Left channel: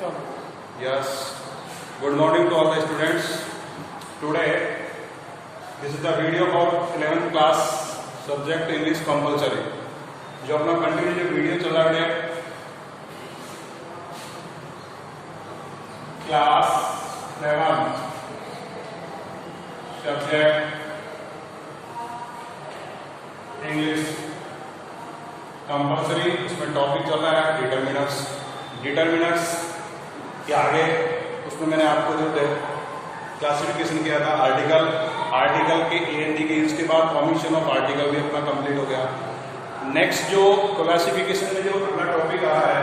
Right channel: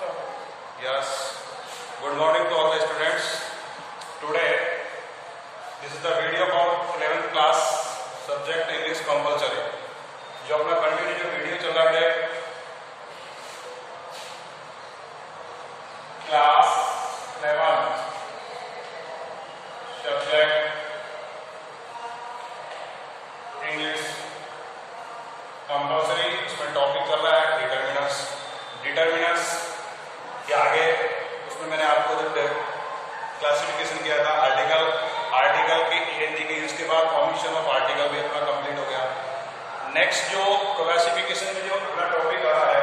Yes. Good morning to all the students. Today, this is the video for 11th class subject English compulsory. जो अपना continue जो video चल रहा है class 11 subject English compulsory, इसमें topic चल रहा है डिटरमिनर्स। डिटरमिनर्स के आगे उसमें मैंने आपको जब क्लासिफिकेशन किया था आर्टिकल के एंड के यूज के बाद फॉर्मेशन ऑफ आर्टिकल भी अपना कंप्लीट हो गया। नेक्स्ट जो क्लासिफिकेशन में जो अगला टॉपिक आ रहा है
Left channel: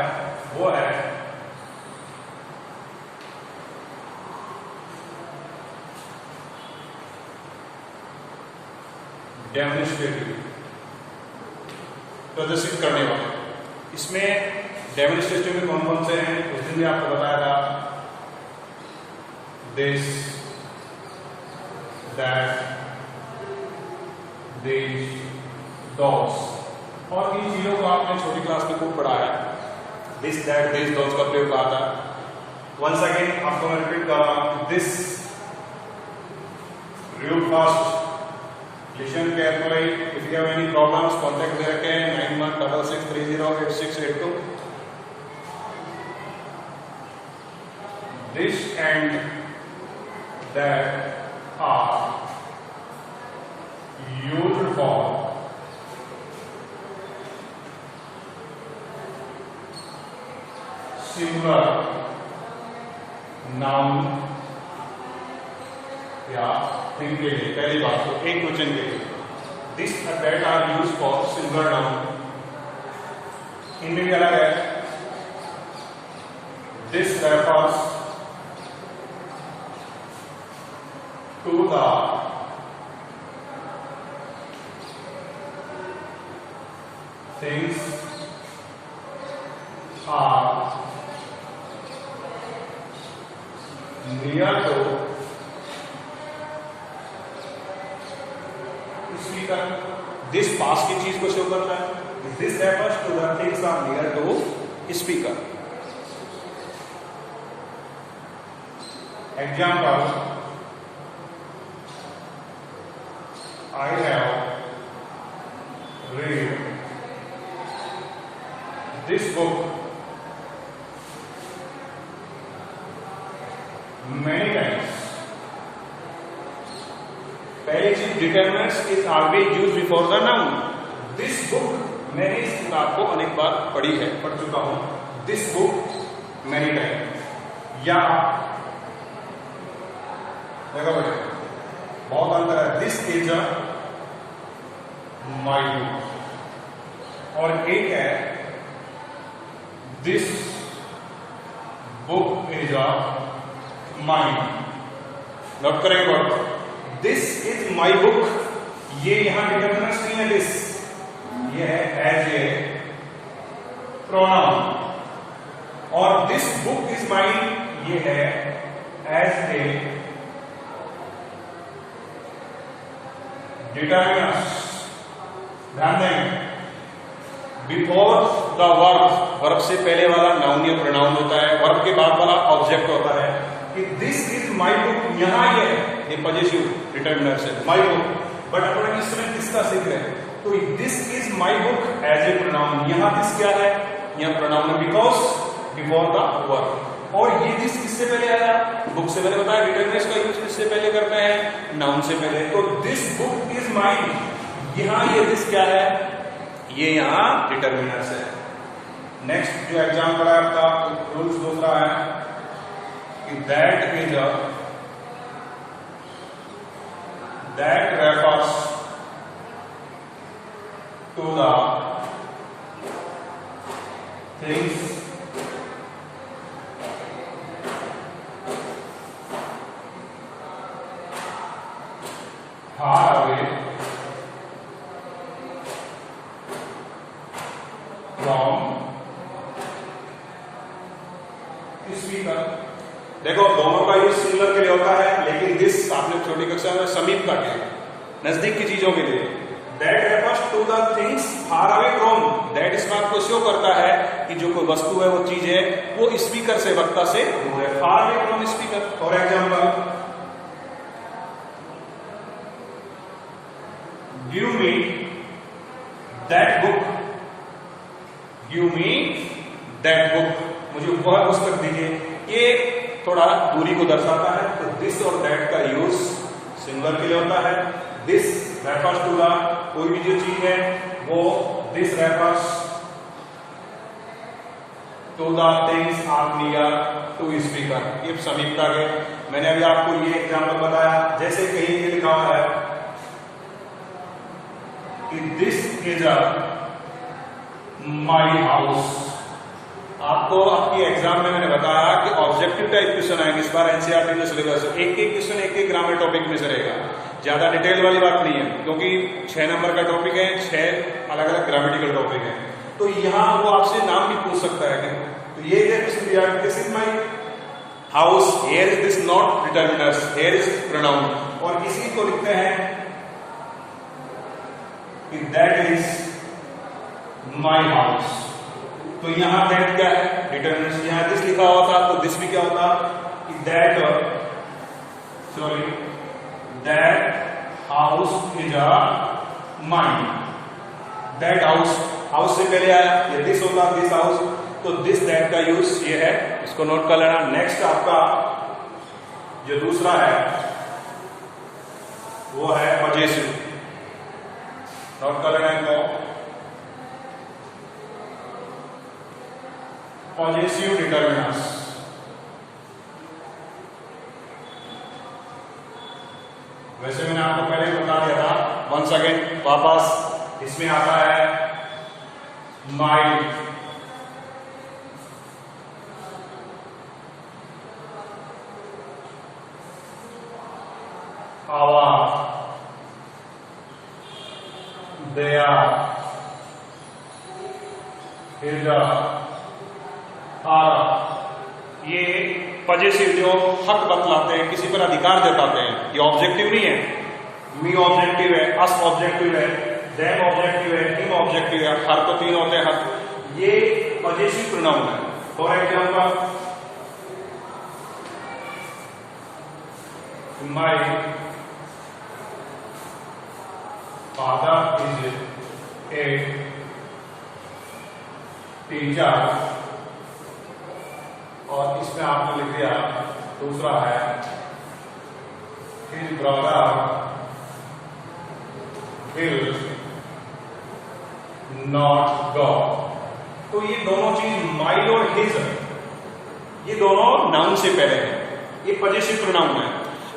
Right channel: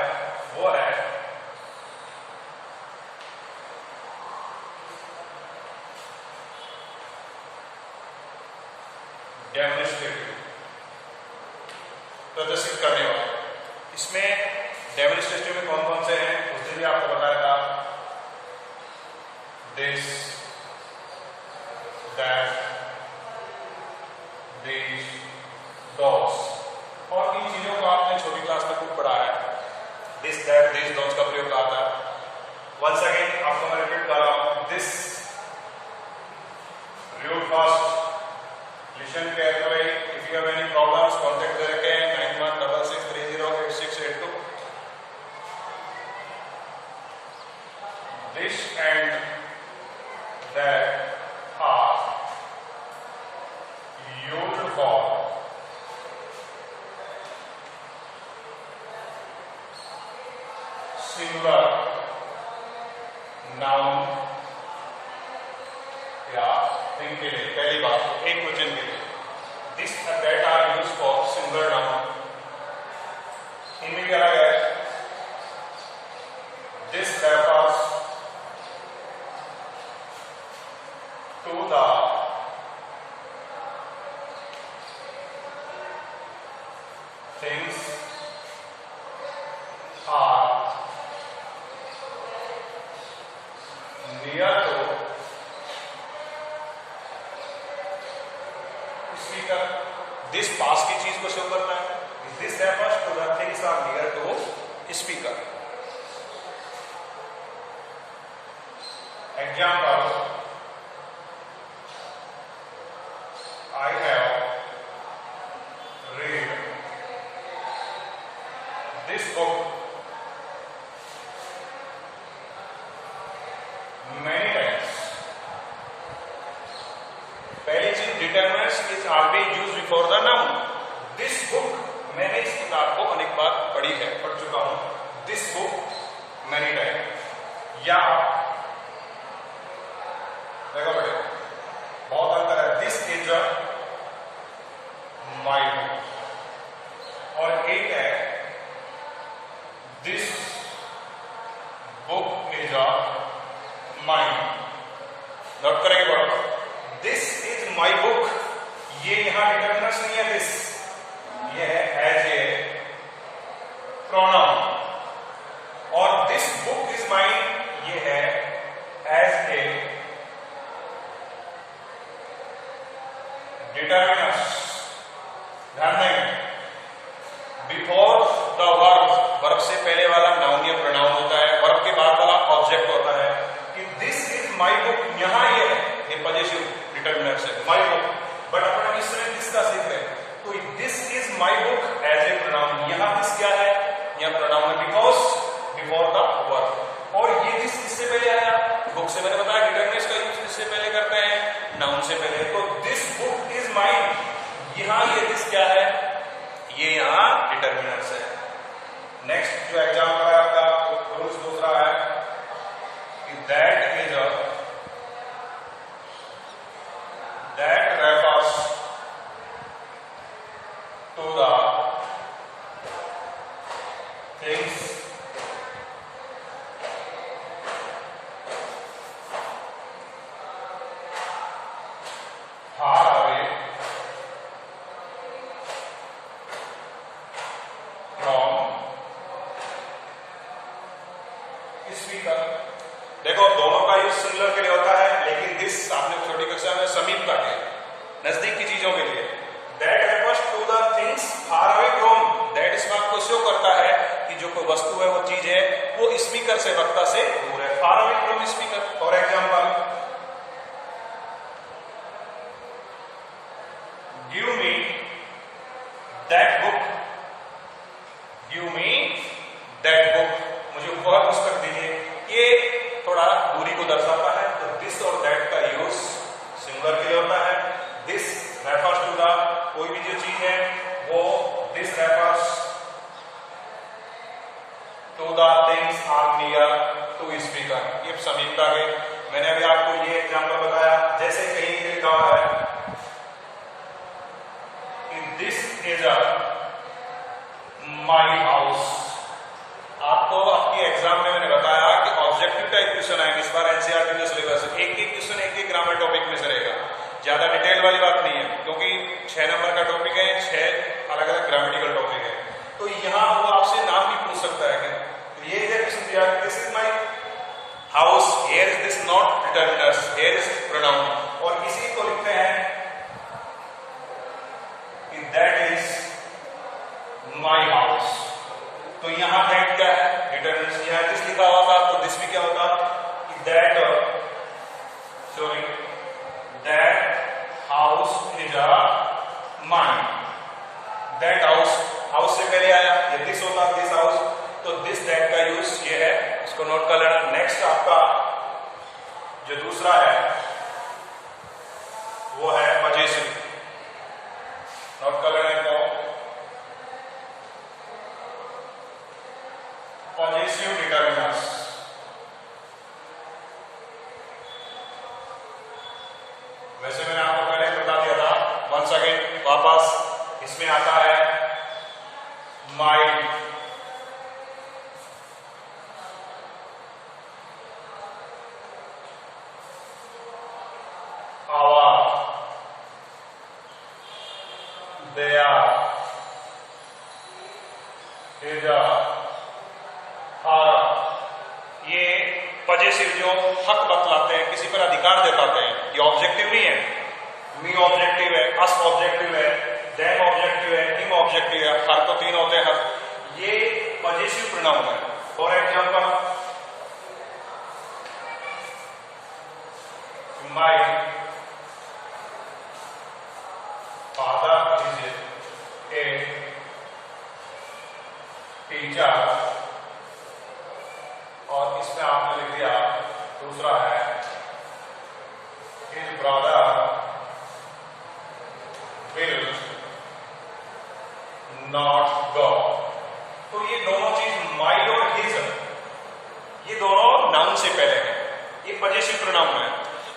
वो है डेमोन्स्ट्रेटिव, प्रदर्शित करने वाले। इसमें डेमोन्स्ट्रेटिव में कौन कौन से हैं उस दिन भी आपको बताया था, दिस, दैट, दिस, दोस, और इन चीजों को आपने छोटी क्लास में खूब पढ़ा है। दिस, दैट, दिस, दोस का प्रयोग आता है। वंस अगेन आपको मैं रिपीट कर रहा हूं, this, read fast, listen carefully. If you have any problems, contact us again 9166308682. This and that are used for singular noun या थिंग के लिए। पहली बात तो एक क्वेश्चन के लिए this that are use for singular noun. इनमें भी अलग है, this refers to the things are near to speaker. This पास की चीज को शो करता है। This refers to the things are near to speaker. Example, I have read this book many times. पहली चीज, determiners is always used before the noun. This book, मैंने इस किताब को अनेक बार पढ़ चुका हूं। This book many time. या देखो बेटे, बहुत अंतर है। This is a my book, और एक है this book is a mine. Note करेंगे word, this is my book, ये यहां डिटरमिनर्स नहीं है। दिस ये है एज ए प्रोनाउन, और दिस बुक इज माइन ये है एज ए डिटरमिनर्स। ध्यान देंगे, बिफोर द वर्ब, वर्ब से पहले वाला नाउन या प्रोनाउन होता है, वर्ब के बाद वाला ऑब्जेक्ट होता है। कि दिस इज माई बुक, यहां ये पॉजिटिव डिटरमिनर से माई बुक, बट अपन इस समय किसका सीख रहे हैं, तो this is my book as a pronoun. यहां दिस क्या है, यहां प्रोनाउन है, बिकॉज बिफोर द वर्ब। और ये दिस किससे पहले आया, बुक से। मैंने बताया डिटरमिनर्स का यूज किससे पहले करते हैं, नाउन से पहले। तो दिस बुक इज माइन, यहां ये दिस क्या है, ये यहां डिटरमिनर्स है। नेक्स्ट जो एग्जाम्पल है आपका, रूल्स दूसरा है, that is a, that refers to the things far away from speaker। देखो, दोनों का यूज सिंगुलर के लिए होता है, लेकिन दिस आपने छोटी कक्षा में समीप का है, नजदीक की चीजों के लिए। That refers to the things far away from. That इस बात को शो करता है कि जो कोई वस्तु है, वो चीज है, वो स्पीकर से, वक्ता से दूर है, फार away from speaker. For example, give me that book, give me that book, मुझे वह पुस्तक दीजिए। ये थोड़ा दूरी को दर्शाता है, तो दिस और दैट का यूज सिंगुलर के लिए होता है। दिस रेफर्स टू द, कोई भी जो चीज है वो this refers to the things are near to speaker. ये समीपता के, मैंने अभी आपको ये एग्जाम्पल बताया। जैसे कहीं ये लिखा हुआ है कि this is a my house. आपको आपके एग्जाम में मैंने बताया कि ऑब्जेक्टिव टाइप क्वेश्चन आएंगे इस बार एनसीईआरटी के सिलेबस से। एक एक क्वेश्चन एक एक ग्रामर टॉपिक में से रहेगा, ज्यादा डिटेल वाली बात नहीं है, क्योंकि 6 नंबर का टॉपिक है, 6 अलग अलग ग्रामेटिकल टॉपिक है। तो यहाँ वो आपसे नाम भी पूछ सकता है। तो ये क्वेश्चन दिया कि this is my house, here is this not determiners, here is pronoun. और इसी को लिखते हैं कि दैट इज माई हाउस। तो यहां दैट क्या है, डिटर्मिनेंट। यहां दिस लिखा हुआ था, तो दिस भी क्या होता कि that, sorry, that house is a mine. That house, house से पहले आया, ये दिस होता, दिस हाउस, तो दिस दैट का यूज ये है, इसको नोट कर लेना। नेक्स्ट आपका जो दूसरा है वो है पजेसिव, नोट कर लेना इनको। पॉजिटिव डिटर्मिनर्स, वैसे मैंने आपको पहले ही बता दिया था, वंस अगेन वापस इसमें आता है माइंड, आवर, देयर, हिज, ये पजेसिव जो हक बतलाते हैं, किसी पर अधिकार जताते हैं। ये ऑब्जेक्टिव नहीं है, मी ऑब्जेक्टिव है, अस ऑब्जेक्टिव है, देम ऑब्जेक्टिव है, हिम ऑब्जेक्टिव है, हर तो 3 होते हैं हक। ये पजेसिव प्रोनाउन है। For example, my father is a teacher, और इसमें आपने लिख दिया दूसरा है his brother will not go. तो ये दोनों चीज माई और हिज, ये दोनों नाउन से पहले है, ये पजेसिव प्रोनाउन है।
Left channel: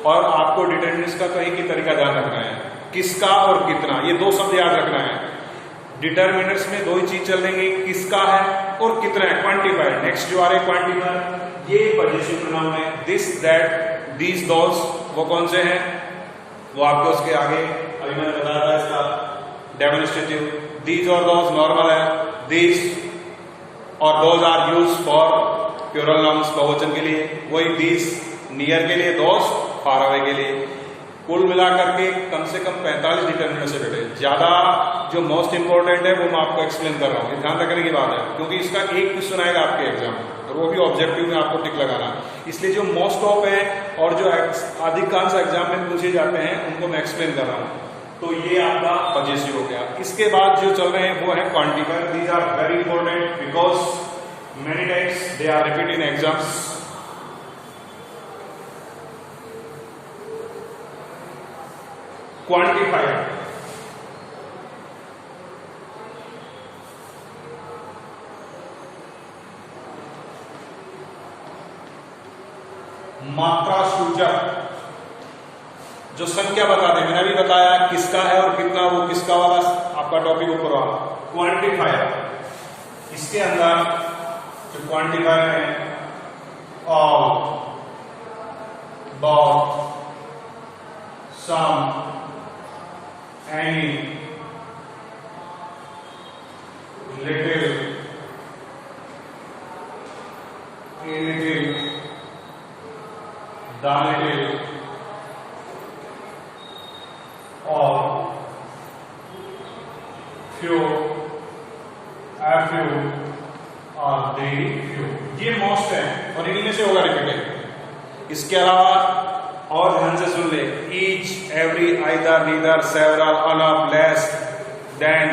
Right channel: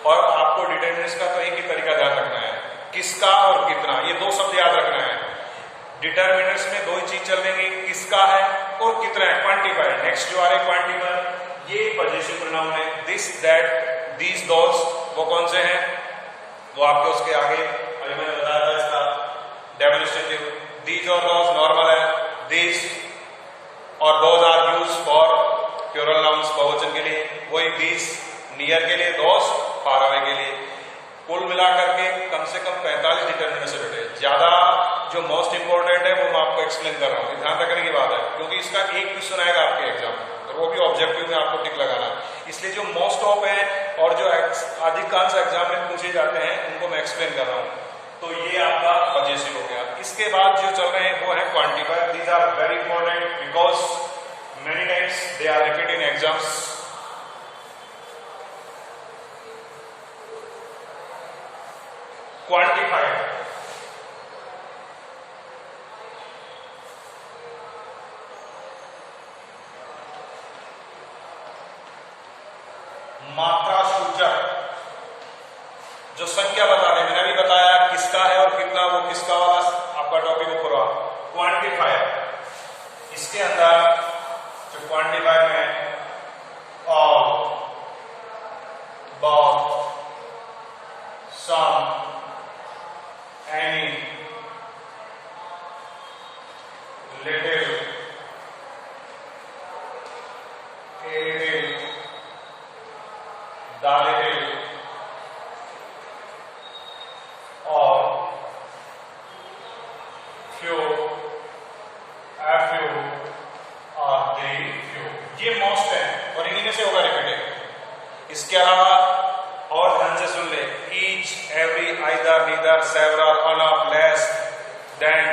और आपको डिटर्मिनेंट्स का तो एक ही तरीका ध्यान रखना है, किसका और कितना, ये 2 शब्द याद रखना है। डिटर्मिनेंट्स में 2 ही चीज चल देंगे, किसका है और कितना है, क्वांटिफायर। नेक्स्ट जो आ रहे क्वांटिफायर, ये पजेसिव प्रोनाउन है। दिस, दैट, दीज, दोज, वो कौन से हैं, वो आपके उसके आगे अभी मैंने बताया था इसका डेमोन्स्ट्रेटिव। दीज और दोज नॉर्मल है, दीज और those are use for plural nouns, बहुवचन के लिए। वही दीज नियर के लिए, दोज फार अवे के लिए। कुल मिलाकर के कम से कम 45 डिटर्मिनेंट से बैठे। ज्यादा जो मोस्ट इंपॉर्टेंट है वो मैं आपको एक्सप्लेन कर रहा हूँ, ध्यान रखने की बात है, क्योंकि इसका एक क्वेश्चन आएगा आपके एग्जाम और वो भी ऑब्जेक्टिव में आपको टिक लगाना। इसलिए जो मोस्ट ऑफ है और जो अधिकांश एग्जाम में पूछे जाते हैं उनको मैं एक्सप्लेन कर रहा हूँ। तो ये आपका पजेसिव हो गया। इसके बाद जो चल रहे हैं वो है quantifier. These are very important because many times they are repeat in exams. Quantifier, मात्रा सूचक, जो संख्या बता दे। मैंने अभी बताया किसका है और कितना, वो किसका वाला आपका टॉपिक ऊपर हुआ। क्वांटिफायर, इसके अंदर जो क्वांटिफायर में all, both, some, any, little, a little, the little, or few, a few, or the few, ये मोस्ट मोस्ट है और इन्हीं में से होगा रिपीटेड। इसके अलावा और ध्यान से सुन ले, each, every, either, neither, several, enough, less than,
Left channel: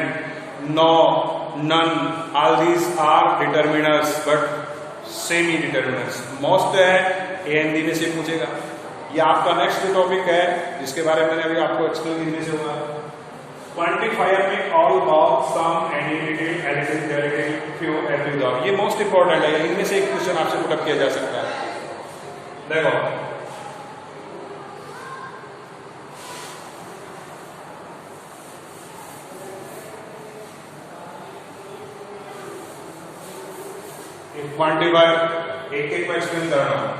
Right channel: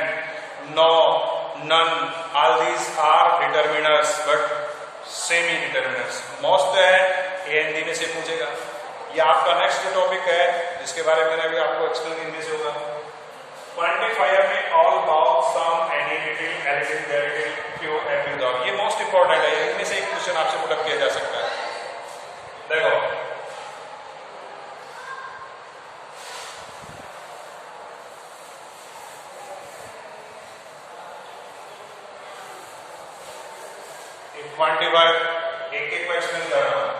no, none, all these are determiners but semi determiners. Most है ए हिंदी में से पूछेगा। ये आपका नेक्स्ट जो टॉपिक है जिसके बारे में मैंने अभी आपको एक्सप्लेन हिंदी से होगा। क्वांटिफायर में all, both, some, any, little, a little, the little, few, every, all, ये मोस्ट इंपॉर्टेंट है। इनमें से एक क्वेश्चन आपसे पुट अप किया जा सकता है। देखो एक क्वांटिफायर एक एक में एक्सप्लेन कर रहा हूं।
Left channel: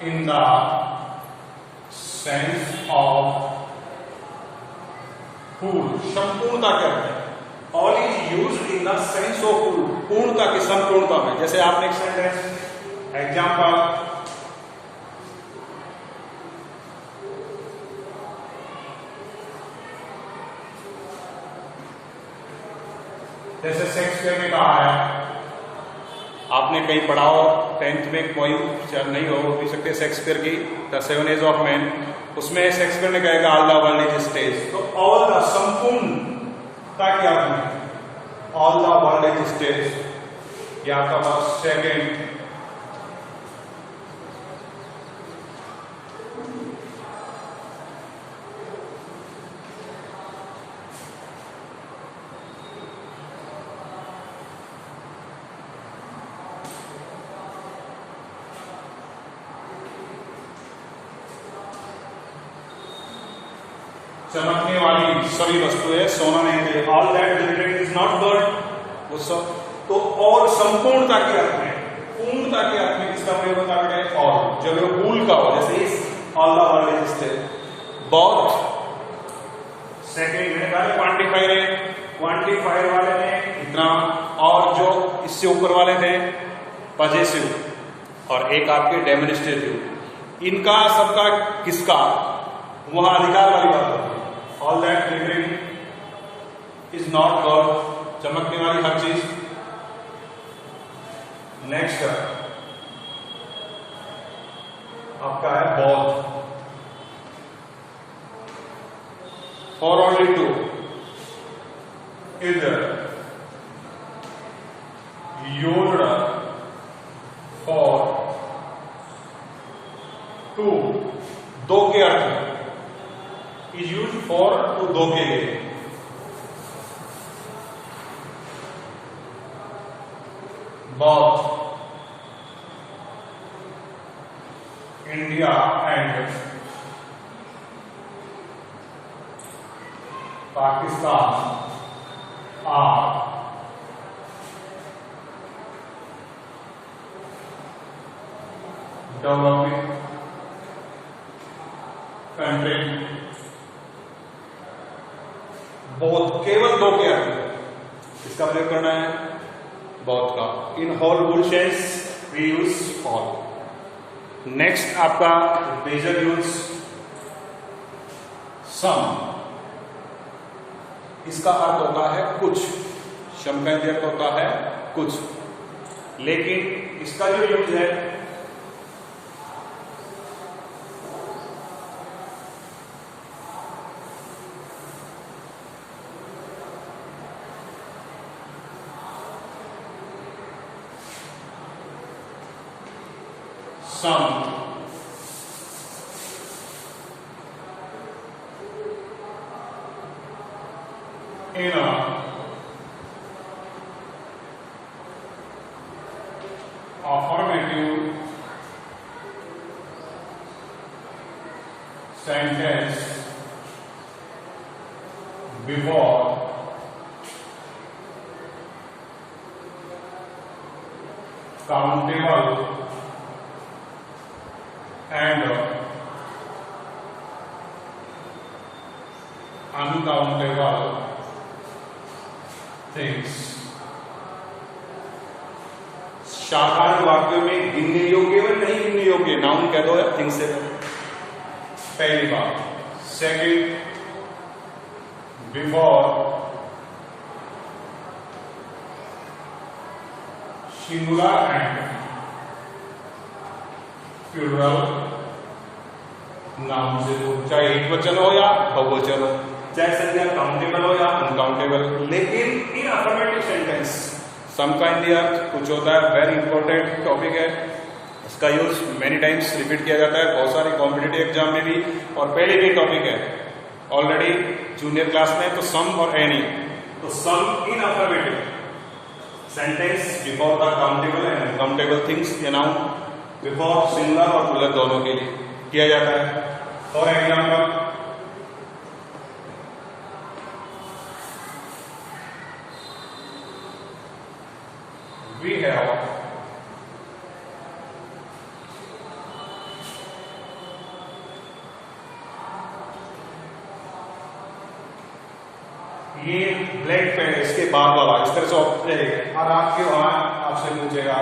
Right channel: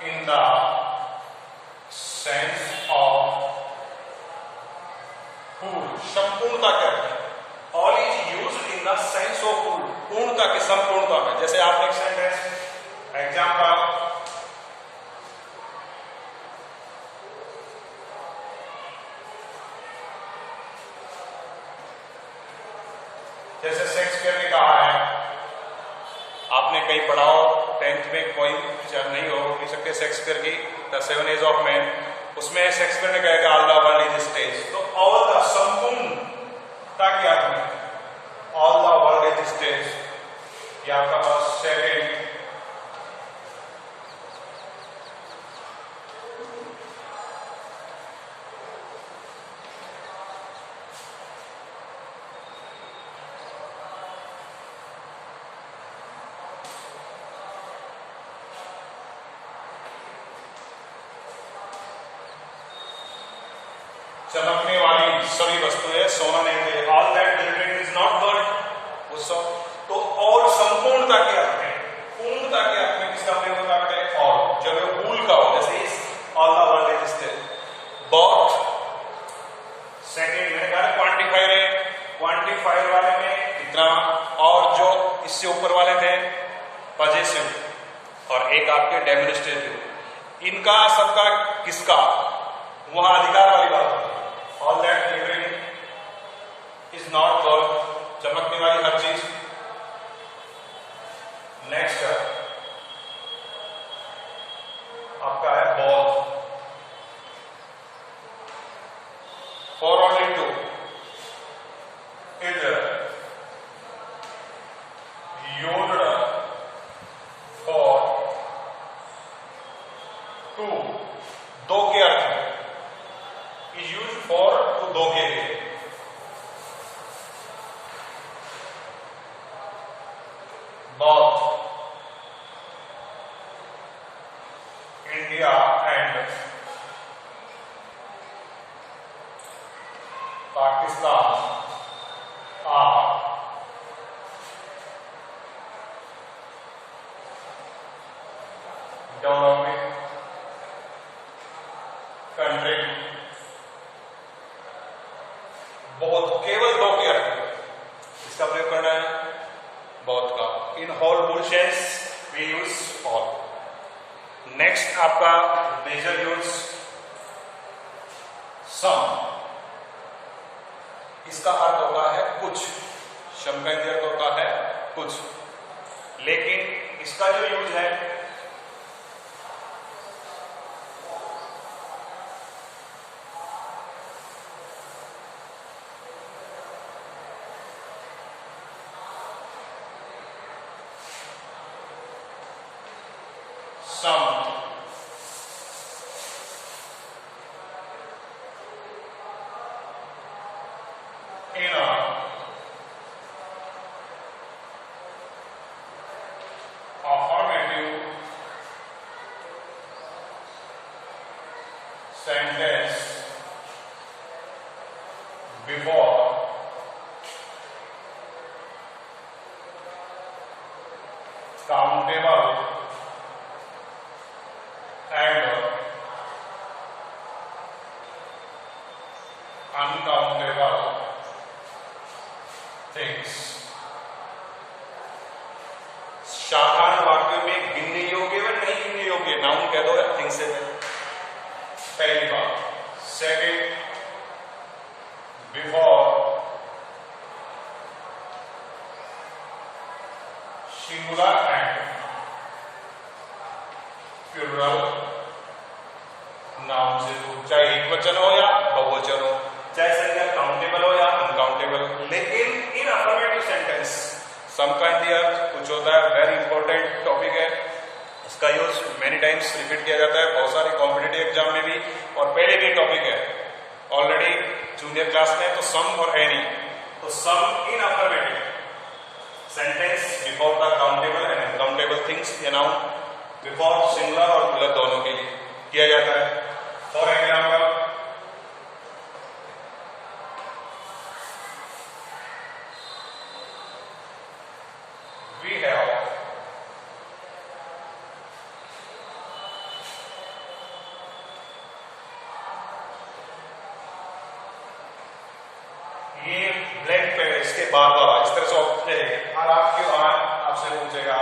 In the sense of full, संपूर्णता क्या होता है? All is used in the sense of full, पूर्णता की संपूर्णता में। जैसे आपने एक सेंटेंस एग्जाम्पल, जैसे शेक्सपियर ने कहा है, आपने कहीं पढ़ाओ 10th में, कोई नहीं हो भी सकते शेक्सपियर की the seven age of man, उसमें शेक्सपियर ने कहा all the world is stage. तो ऑल द संपूर्णता के अर्थ में all the world is stage, ये आपका पास सेकेंड। चमकने वाली सभी वस्तुएं सोना नहीं मिले, all that glittering is not gold, वो सब। तो और संपूर्णता के अर्थ में, पूर्णता के अर्थ में किसका प्रयोग होता है? और जब वो फूल का हो, जैसे इस all the world is stage. बहुत सेकेंड मैंने कहा क्वांटिफायर है, क्वांटिफायर वाले में इतना, और जो इससे ऊपर वाले थे पजेसिव और एक आपके डेमोन्स्ट्रेटिव, इनका सबका किसका वहां अधिकार वाली बात होती है। All that glittering is not God, चमकने वाली हर चीज। नेक्स्ट आपका है बौद्ध, फॉर ओनली टू, इधर योड फॉर टू, दो के अर्थ में, इज यूज फॉर टू, दो के लिए। Both, India and Pakistan are developing country. Both केवल दो के अर्थ में इसका प्रयोग करना है, बौद्ध का। In whole full sense we use all. Next आपका मेजर यूज सम, इसका अर्थ होता है कुछ, सम का अर्थ होता है कुछ, लेकिन इसका जो यूज है सम, in a affirmative sentence before countable and uncountable things. साधारण वाक्यों में गिनने योग्य व नहीं गिनने योग्य नाउन कह दो या थिंग्स है, पहली बात। Second, before singular and plural noun से हो, चाहे एक वचन हो या बहुवचन हो, चाहे संज्ञा काउंटेबल हो या अनकाउंटेबल। लेकिन इन अफर्मेटिव सेंटेंस सम का इन द अर्थ कुछ होता है, वेरी इंपॉर्टेंट टॉपिक है, इसका यूज मेनी टाइम्स रिपीट किया जाता है बहुत सारे कॉम्पिटिटिव एग्जाम में भी, और पहले के टॉपिक है ऑलरेडी जूनियर क्लास में। तो सम और एनी, तो some in affirmative sentence before the countable and uncountable things, ये नाउन बिफोर सिंगुलर और प्लूरल दोनों के लिए किया जाता है। फॉर एग्जाम्पल, वी हैव ये ब्लैंक पे इसके बाद वाला इस तरह से ऑप्शन, और आपके वहां आपसे पूछेगा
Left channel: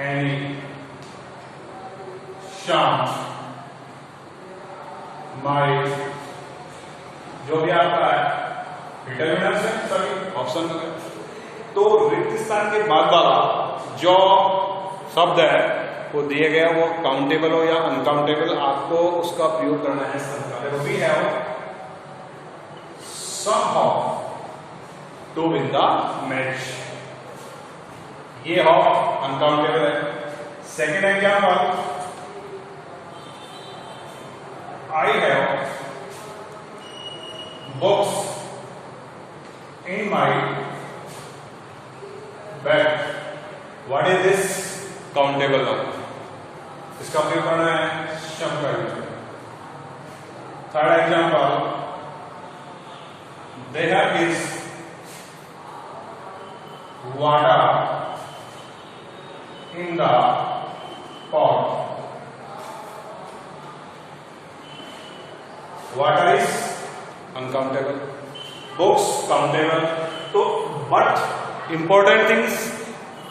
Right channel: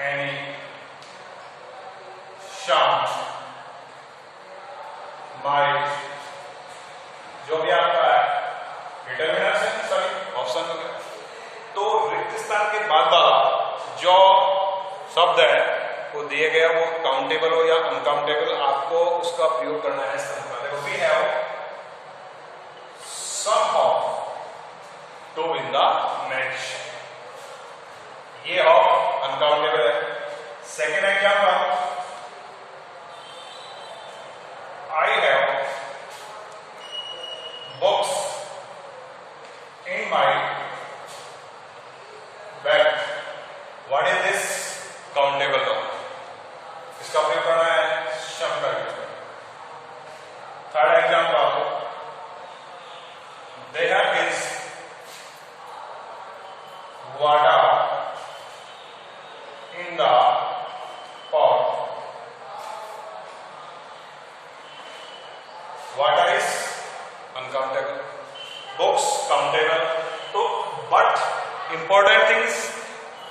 एनी शाम माई, जो भी आपका है डिटर्मिनेंट है सॉरी ऑप्शन में, तो रिक्त स्थान के बाद वाला जो शब्द है वो दिए गया, वो काउंटेबल हो या अनकाउंटेबल, आपको उसका प्रयोग करना है सम का। देखो we have somehow to win the match, ये हो अनकाउंटेबल है। Second example, I have books in my bag, what is this, countable हो, इसका प्रयोग करना है शम का use. Third example, there is water in the pot, water is uncountable, books countable। तो बट इंपॉर्टेंट थिंग्स,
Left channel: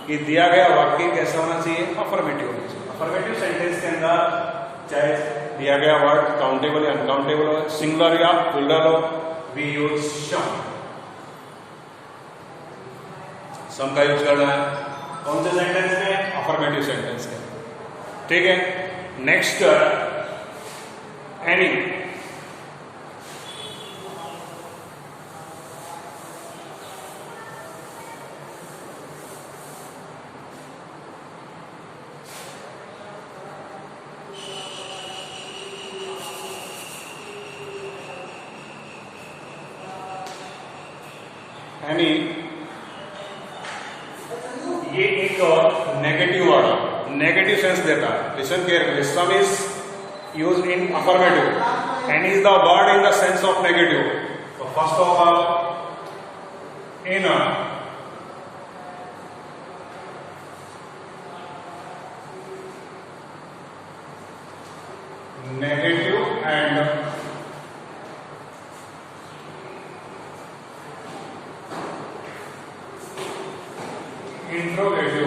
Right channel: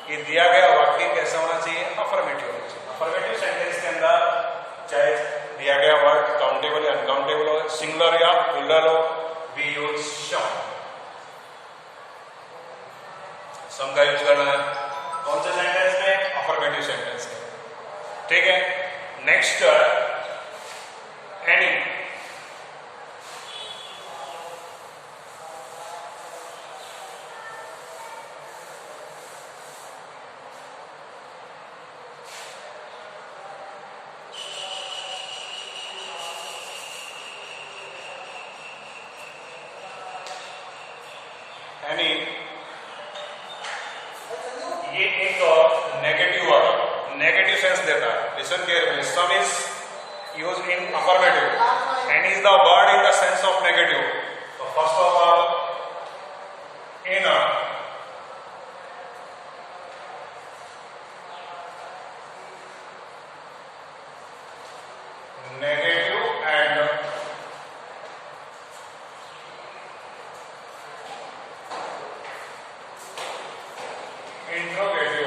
ये दिया गया वाक्य कैसा होना चाहिए, अफर्मेटिव होना चाहिए। अफर्मेटिव सेंटेंस के अंदर चाहे दिया गया वर्ड काउंटेबल या अनकाउंटेबल हो, सिंगुलर या प्लूरल हो, वी यूज सम का यूज करना है। कौन से सेंटेंस में, अफर्मेटिव सेंटेंस में, ठीक है। नेक्स्ट एनी, एनी ये एक नेगेटिव वर्ड, नेगेटिव सेंस देता है। Listen carefully, this one is used in affirmative and is the word in the sense of negative. तो first of all, in negative and interrogative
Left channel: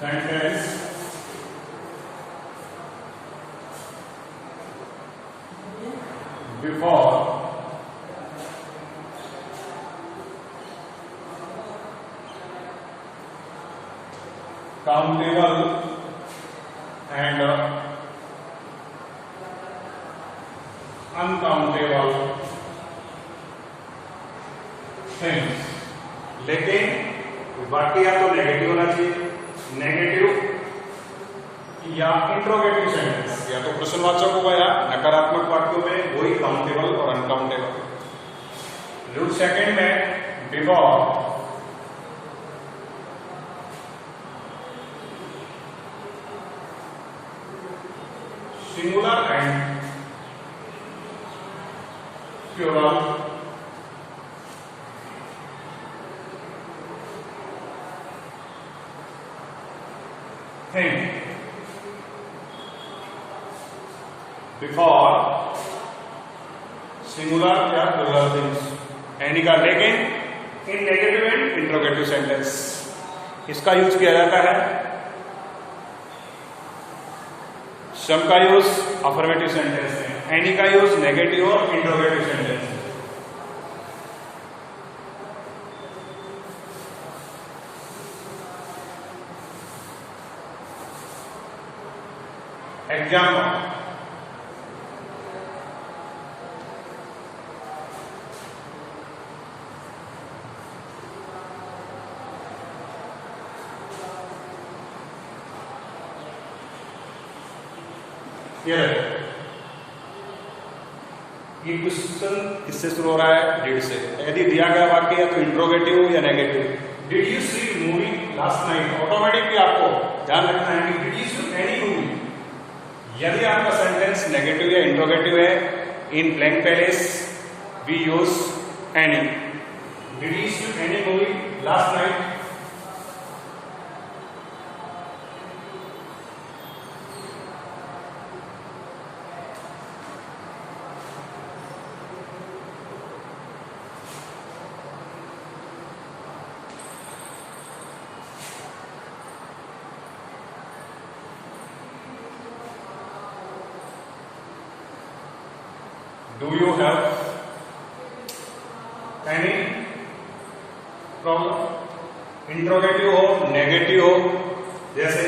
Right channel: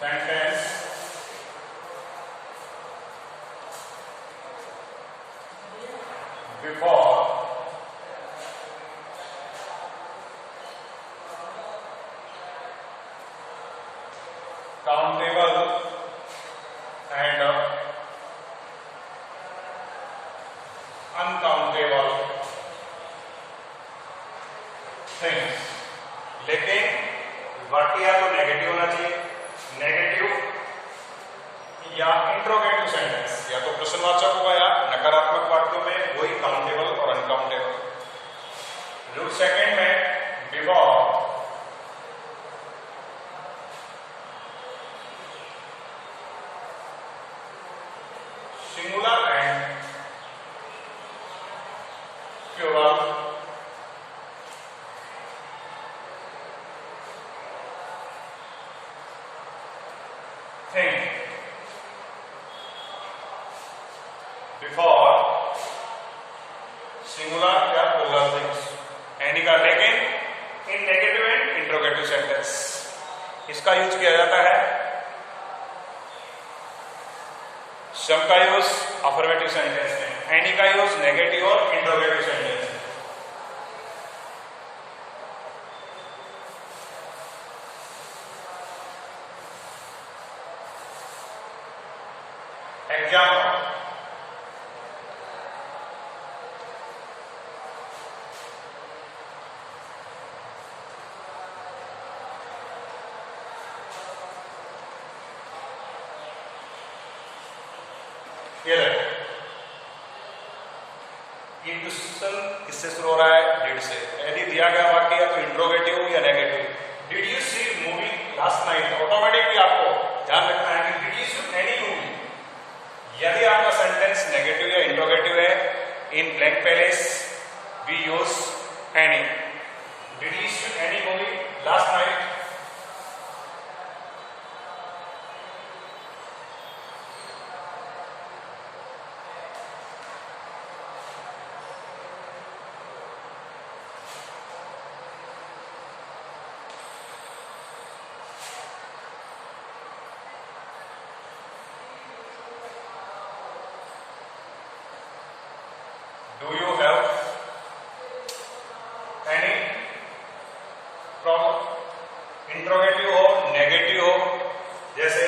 sentence before countable and uncountable things. लेकिन वाक्य या तो negative होना चाहिए, negative या interrogative sentence, या तो प्रश्नवाचक होगा या नकारात्मक वाक्यों में वही काउंटेबल और अनकाउंटेबल। रूल सेकंड में before singular and plural thing, before singular या प्लूरल थिंग्स। एनी का लेकिन in negative and interrogative sentence इसका यूज किया जाता है सम का यूज अफर्मेटिव सेंटेंस में, एनी का यूज नेगेटिव और इंट्रोगेटिव सेंटेंस में। एग्जाम्पल, ये क्वेश्चन किससे शुरू हो रहा है? डिड से। यदि दिया गया वाक्य या तो इंट्रोगेटिव या negative, did you see movie last night, automatically आपको ध्यान रखना है कि did you see any movie. यदि आपका सेंटेंस नेगेटिव या इंट्रोगेटिव है, in blank passage we use any. Did you see any movie last night? Do you have any problem? Interrogative हो, नेगेटिव हो, जैसे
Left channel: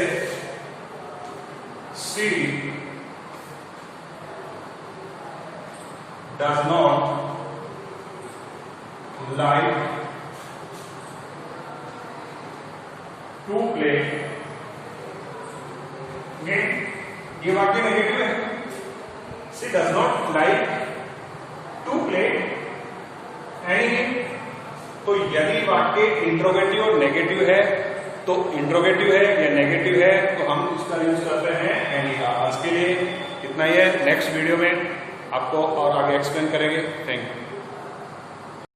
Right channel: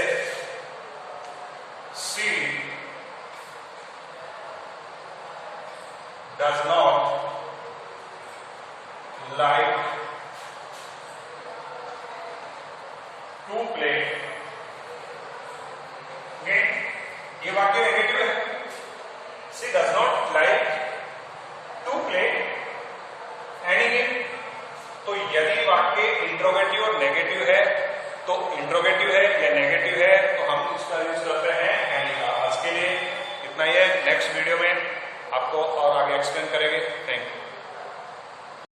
she does not like to play game। ये वाक्य negative है। she does not like to play any game. तो यदि वाक्य interrogative और नेगेटिव है, तो इंट्रोगेटिव है या नेगेटिव है तो हम इसका यूज करते हैं एनी का। आज के लिए इतना ही है, नेक्स्ट वीडियो में आपको और आगे एक्सप्लेन करेंगे। Thank you.